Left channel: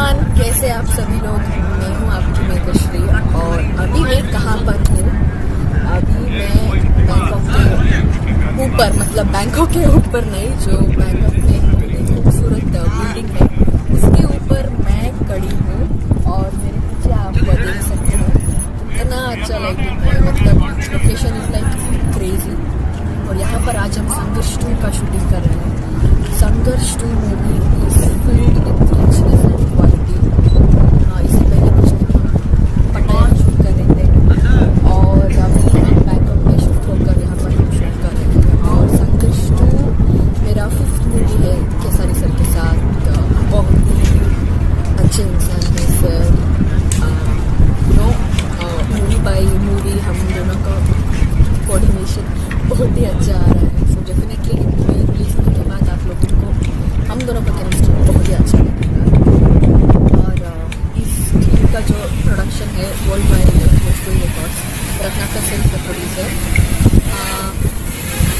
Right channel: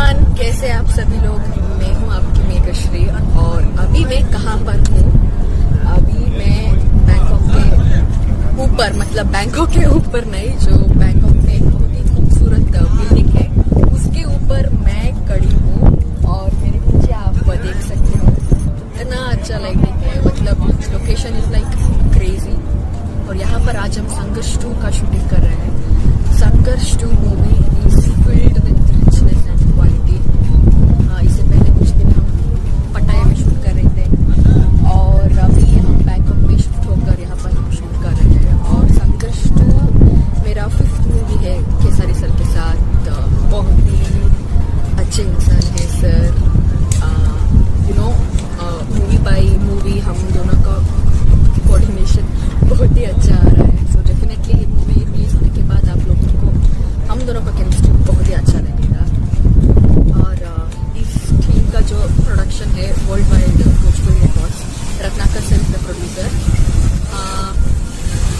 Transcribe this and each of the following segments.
Everyone, कैसे आप सभी लोग। मैं हूँ आपकी मेघश्री और अभी मैं कहाँ पर हूँ। अभी मैं बैंकॉक के ऊपर, मतलब बैंकॉक के ऊपर नहीं, जो बैंकॉक में बहुत ही खूबसूरत बिल्डिंग है उसके ऊपर मैं खड़ी हूँ और मेरे पीछे आप देख सकते हो इतना अच्छा लग रहा है। मतलब लोकेशन इज लाइक क्रेजी। और यहाँ पर आज हम संघर्ष 2 का शूटिंग कर रहे हैं। संघर्ष 2 movie is filled with richness and quality. इससे पहले कुछ दिन हम पटाया में शूट कर रहे थे और अभी हम बैंकॉक में शिफ्ट होकर यहाँ पर हम शूट कर रहे हैं। और संघर्ष 2 मेरा 5th मूवी है केसारी सर के साथ। बहुत ही अच्छे इंसान है सर। मूवी बाई मूवी हम दोनों का कोऑर्डिनेशन बहुत ही अच्छा आ रहा है। सो डेफिनेटली ये मूवी रिलीज होने के बाद आप लोगों को हम दोनों का केमिस्ट्री बहुत ही अच्छा लगेगा। और इस फिल्म का जो प्रोडक्शन है world wide Bhojpuri records, Ratnakar Singh का प्रोड्यूसर।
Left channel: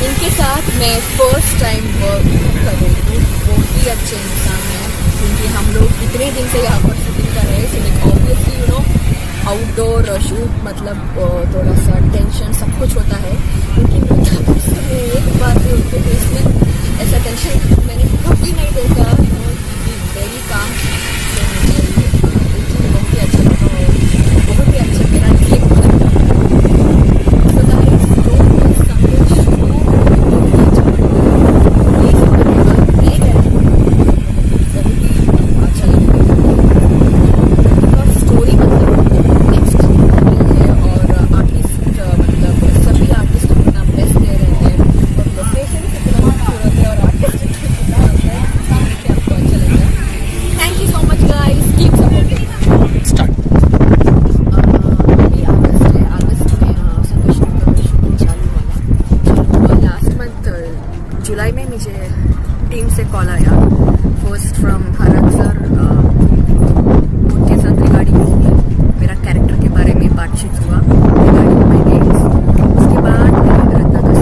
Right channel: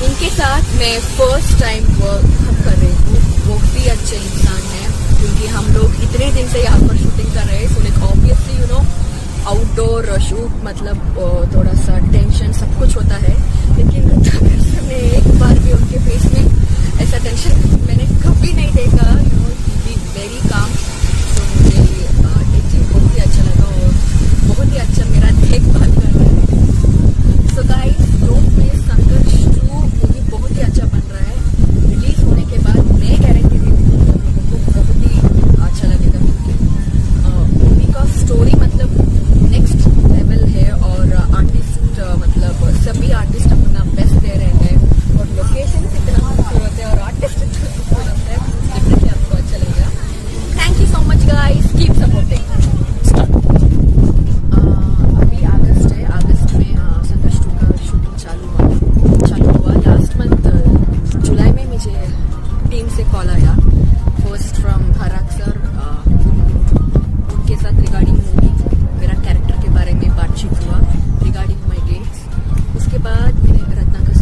इनके साथ मैं फर्स्ट टाइम वर्क कर रही हूँ। बहुत ही अच्छे इंसान हैं क्योंकि हम लोग इतने दिन से यहाँ पर शूटिंग कर रहे हैं। So like obviously outdoor shoot मतलब थोड़ा सा टेंशन सब कुछ होता है, लेकिन एक बार भी उनके फेस में ऐसा टेंशन मैंने कभी नहीं देखा। Very calm. तो मुझे ये चीज़ बहुत ही अच्छा लगा और बहुत ही अच्छा मेरा देखभाल कर रहा है। सो गाइस, डोंट मिस संघर्ष 2। बहुत ही अच्छा बन रहा है। ये सुनने के बाद नहीं करेंगे बहुत ही अच्छा लगेगा बिकॉज स्टोरी मतलब नेक्स्ट लेवल है। और आर्टिस्ट मतलब सभी आर्टिस्ट अपना बेस्ट दे रहे हैं और लोकेशन कितना खूबसूरत है और आर्टिस्ट कितना खूबसूरत है। देखिए आपको अच्छा लगेगा। Thank you so much guys, keep supporting. Start. अभी अगस्त है। अगस्त में संघर्ष 2 का शूटिंग चालू हुआ। लास्ट मंथ जुलाई में मुझे टीम से कॉल आया फर्स्ट फ्रॉम हरक सर। उनके साथ रिगार्डिंग मूवी मेरा कैरेक्टर के बारे में बातचीत हुआ रिगार्डिंग माई डेट्स। उसके बाद रत्नाकर